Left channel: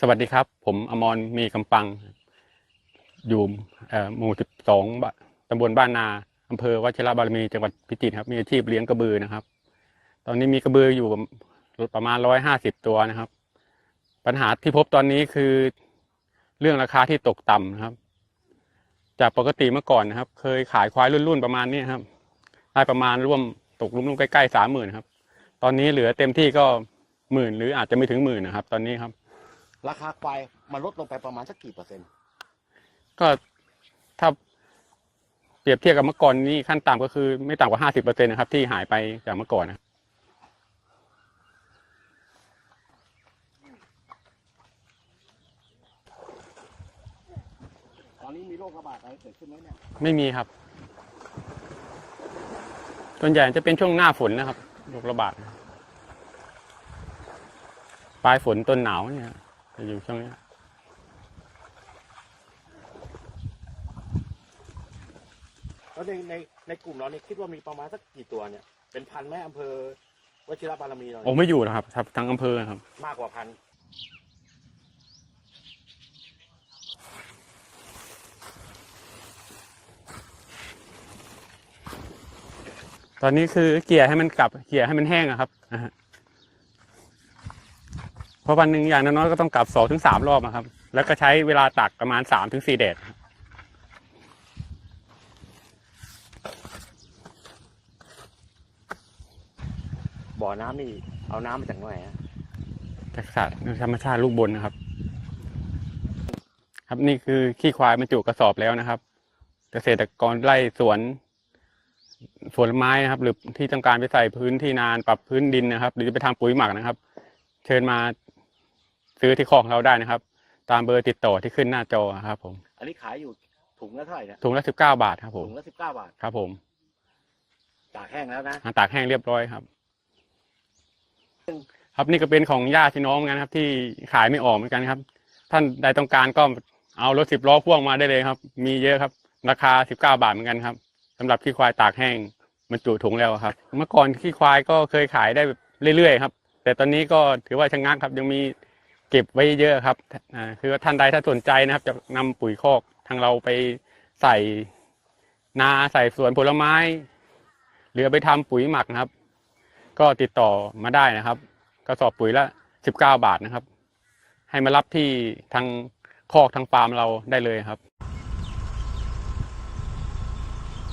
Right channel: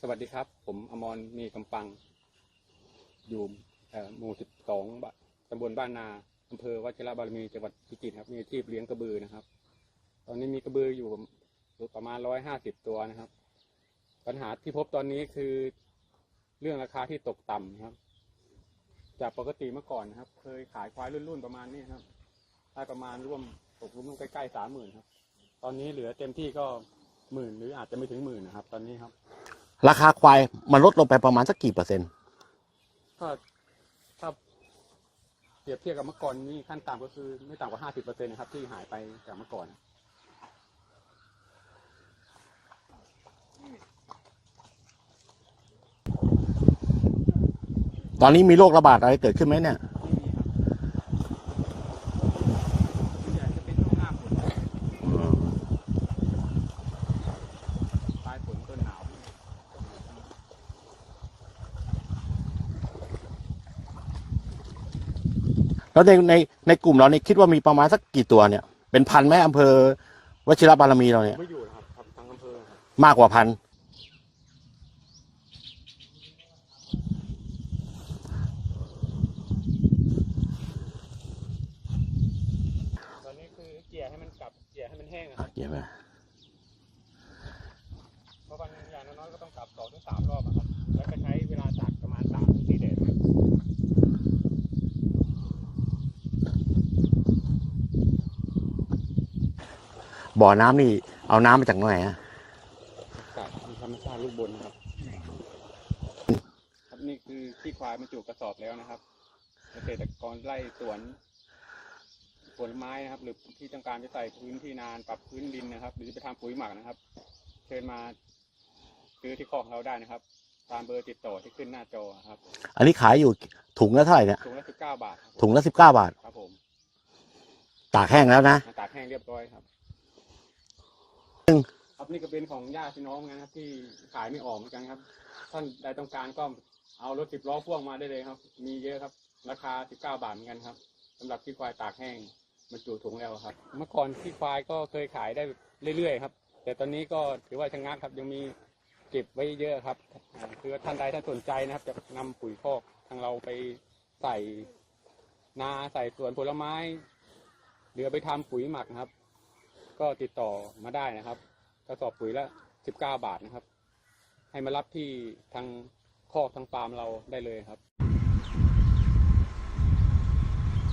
สวัสดีครับ ผมอมรมีกำปัง อยู่หมู่ 12ตำบลบ้านนาอำเภอวชิระบารมีจังหวัดพิจิตรครับ มีอาชีพเลี้ยงกระบือนะครับ ตอนนี้มีกระบืออยู่ประมาณ150ตัวนะครับ ปัญหาที่พบตอนนี้คือเรื่องราคาที่ตกต่ำนะครับ จากปกติเมื่อก่อนนะครับ เคยขายควายรุ่นๆประมาณนี้ครับได้ประมาณร่วมตกลุ่มๆใกล้ๆสามหมื่นครับ ตอนนี้เหลือเต็มที่ก็หมื่นหรืออาจจะไม่ถึงหมื่นนะครับ ตอนนี้ครับ ราคาควายมันลดลงไปประมาณสักกี่เปอร์เซ็นต์ ก็ถ้าเปรียบเทียบกับเมื่อก่อนนี่ขั้นต่ำก็คือไม่ต่ำกว่าห้าสิบเปอร์เซ็นนะครับ ที่หายไปจากเมื่อก่อนนะตอนนี้มีโรคระบาดอะไรเกิดขึ้นไหมเนี่ย ไม่มีครับ ส่วนใหญ่จะเป็นช่วงหน้าฝนนะครับโรคระบาด ปลายฝนต้นหนาวเนี่ย จะอยู่ช่วงนี้แล้วในในในกลุ่มเราเนี่ยคิดว่ามีประมาณสักกี่ตัวเนี่ย เป็นพันไหมอำเภอวชิระบารมีเราผเนี่มยไม่อยู่นะครับครับทั้งอำเภอครับ มากกว่าพันตอนนี้คือเกลี่ยให้มันกลับเกลี่ยให้มันแห้งอะครับนะฮะ เพราะวันหนึ่งอย่างน้อยๆก็ต้องกลับสองถึงสามรอบอะครับ แล้วก็ใช้เวลาตักประมาณสามถึงสี่แดดบ่อน้ำนี่เอาน้ำมาจากไหนฮะจากสัตว์ธรรมชาติลูกบนนะครับ ครับนี่คือขี้ควายบรรจุกระสอบแล้วนะครับ เกษตรกรไร่สวนสวนไม้นะครับ หรือที่ต้องการไปใส่พื้นที่นานปรับพื้นดินนะครับ หรือจะไปทำปุ๋ยหมักนะครับ เชิญมา ซื้อที่คอกเราได้นะครับ ตามเบอร์ติดต่อที่ขึ้นหน้าจอครับผมอันนี้ขายอยู่ถุงละเท่าไหร่เนี่ยถุงละสิบเก้าบาทครับผมถุงละสิบเก้าบาทครับผม ตากแห้งแล้วนะตากแห้งเรียบร้อยครับครับนี่ก็เป็นของญาติพี่น้องเหมือนกันครับ ที่ขายไม่ออกเหมือนกันครับ ท่านใดต้องการก็เอารถสิบล้อพ่วงมาได้เลยครับ มีเยอะครับ ราคาสิบเก้าบาทเหมือนกันครับสำหรับขี้ควายตากแห้งบรรจุถุงแล้วครับ เมื่อก่อนขี้ควายก็เคยขายได้แบบเรื่อยๆครับ แต่ตอนนี้ก็ถือว่าชะงักครับยังมี เก็บไว้เยอะครับอ่าคือว่าท่านใดถ้าสนใจนะครับ จะนำปุ๋ยคอกทางเราไปใส่นาใส่สวนผลไม้ หรือไปทำปุ๋ยหมักนะครับ ก็ติดต่อมาได้นะครับกระสอบปุ๋ยละสิบเก้าบาทนะครับ ให้มารับที่ทางคอกทางฟาร์มเราได้เลยครับ